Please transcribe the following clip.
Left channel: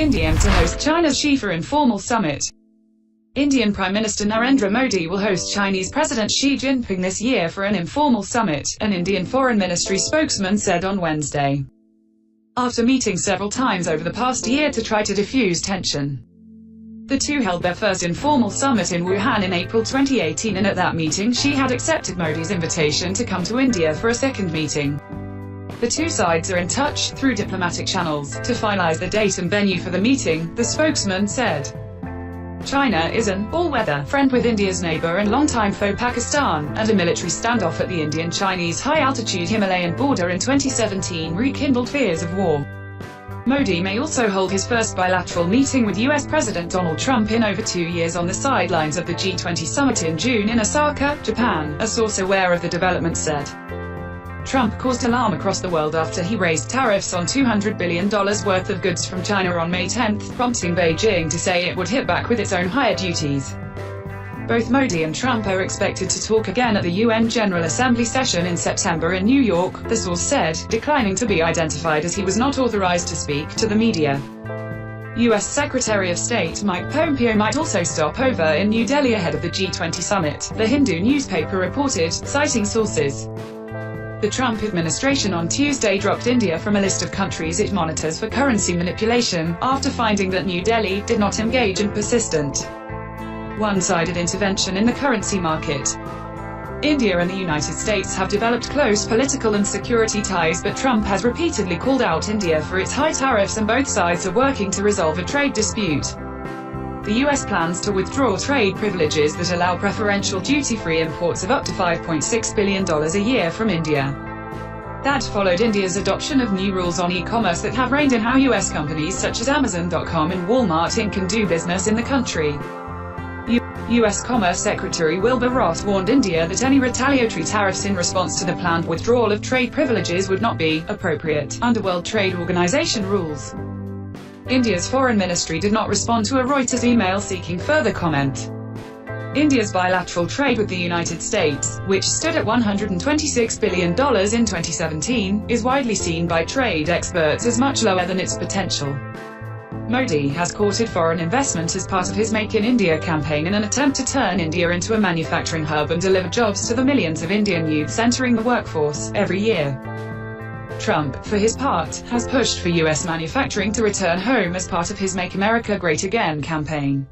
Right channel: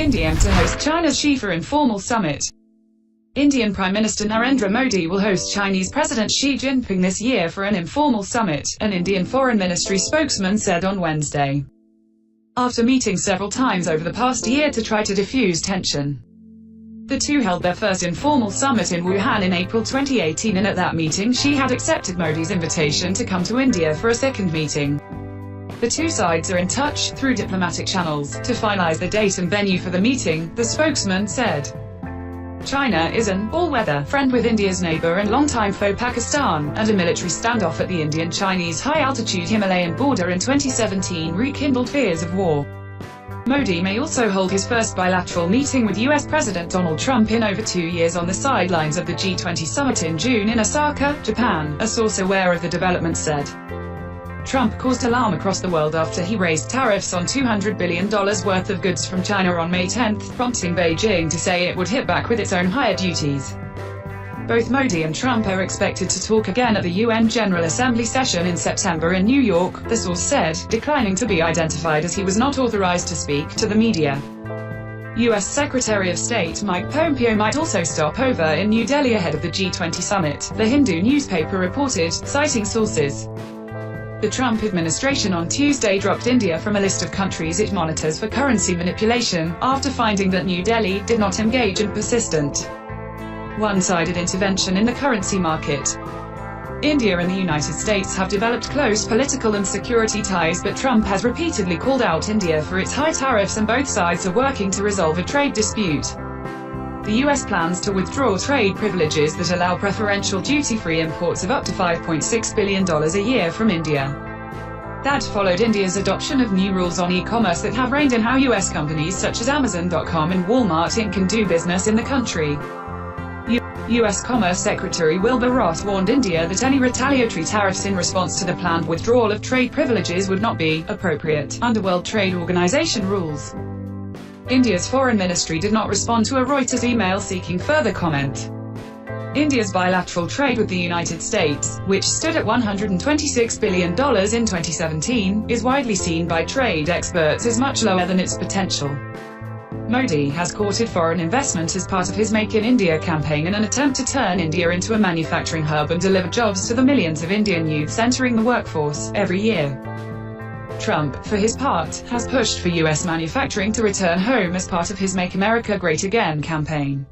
India to host China's Xi for informal summit. Indian Prime Minister Narendra Modi will host Chinese President Xi Jinping this year for an informal summit, an Indian Foreign Ministry spokesman said on Wednesday. After meeting several times over the past year to try to defuse tension, the two held their first informal summit in Wuhan in April 2018, and at that meeting Xi had accepted Modi's invitation to come to India for a second meeting. The two sides are in touch, through diplomatic channels, to finalize the date and venue for the meeting, the spokesman said. China is an all-weather friend with India's neighbor and longtime foe Pakistan, and a military standoff at the Indian-Chinese high-altitude Himalayan border in 2017 rekindled fears of war. Modi may also hold his first bilateral meeting with US President Donald Trump in over 2 years on the sidelines of the G20 summit in June in Osaka, Japan, a source aware of the development said. Trump caused alarm across the world after he raised tariffs on $200 billion worth of goods from China on May 10, prompting Beijing to say it would hit back with its own higher duties. Both Modi and Trump are expected to talk again at the UN General Assembly session in September in New York, the source said, declining to be identified as he was not authorized to speak to the media. U.S. Secretary of State Mike Pompeo might also stop over in New Delhi ahead of the G20 summit, the Hindu newspaper reported, citing sources. The Trump administration on Tuesday dropped India from a list of countries it monitors for currency manipulation, after finding that New Delhi did not engage in persistent, one-sided intervention in the currency market. India and the United States have developed close political and security ties, but Trump has repeatedly called out India for its high tariffs, and both sides are working to resolve a trade dispute. The U.S. plans to withdraw trade privileges that allow preferential duty-free imports of up to $5.6 billion a year from India. That followed India's adoption of new rules on e-commerce that have reined in how U.S. companies such as Amazon.com and Walmart Inc. can do business in the country. U.S. Commerce Secretary Wilbur Ross warned India that any retaliatory tariffs in response to the planned withdrawal of trade privileges would not be appropriate under World Trade Organization rules. India's foreign ministry did not respond to a Reuters email seeking further comment. India's bilateral trade with the United States, which stood at $126 billion in 2017, is widely seen by trade experts as much lower than its potential. Modi has courted foreign investment as part of his Make in India campaign in an attempt to turn India into a manufacturing hub and deliver jobs to the millions of Indian youths entering the workforce every year. Trump, for his part, has pushed for U.S. manufacturing to return home as part of his Make America Great Again campaign.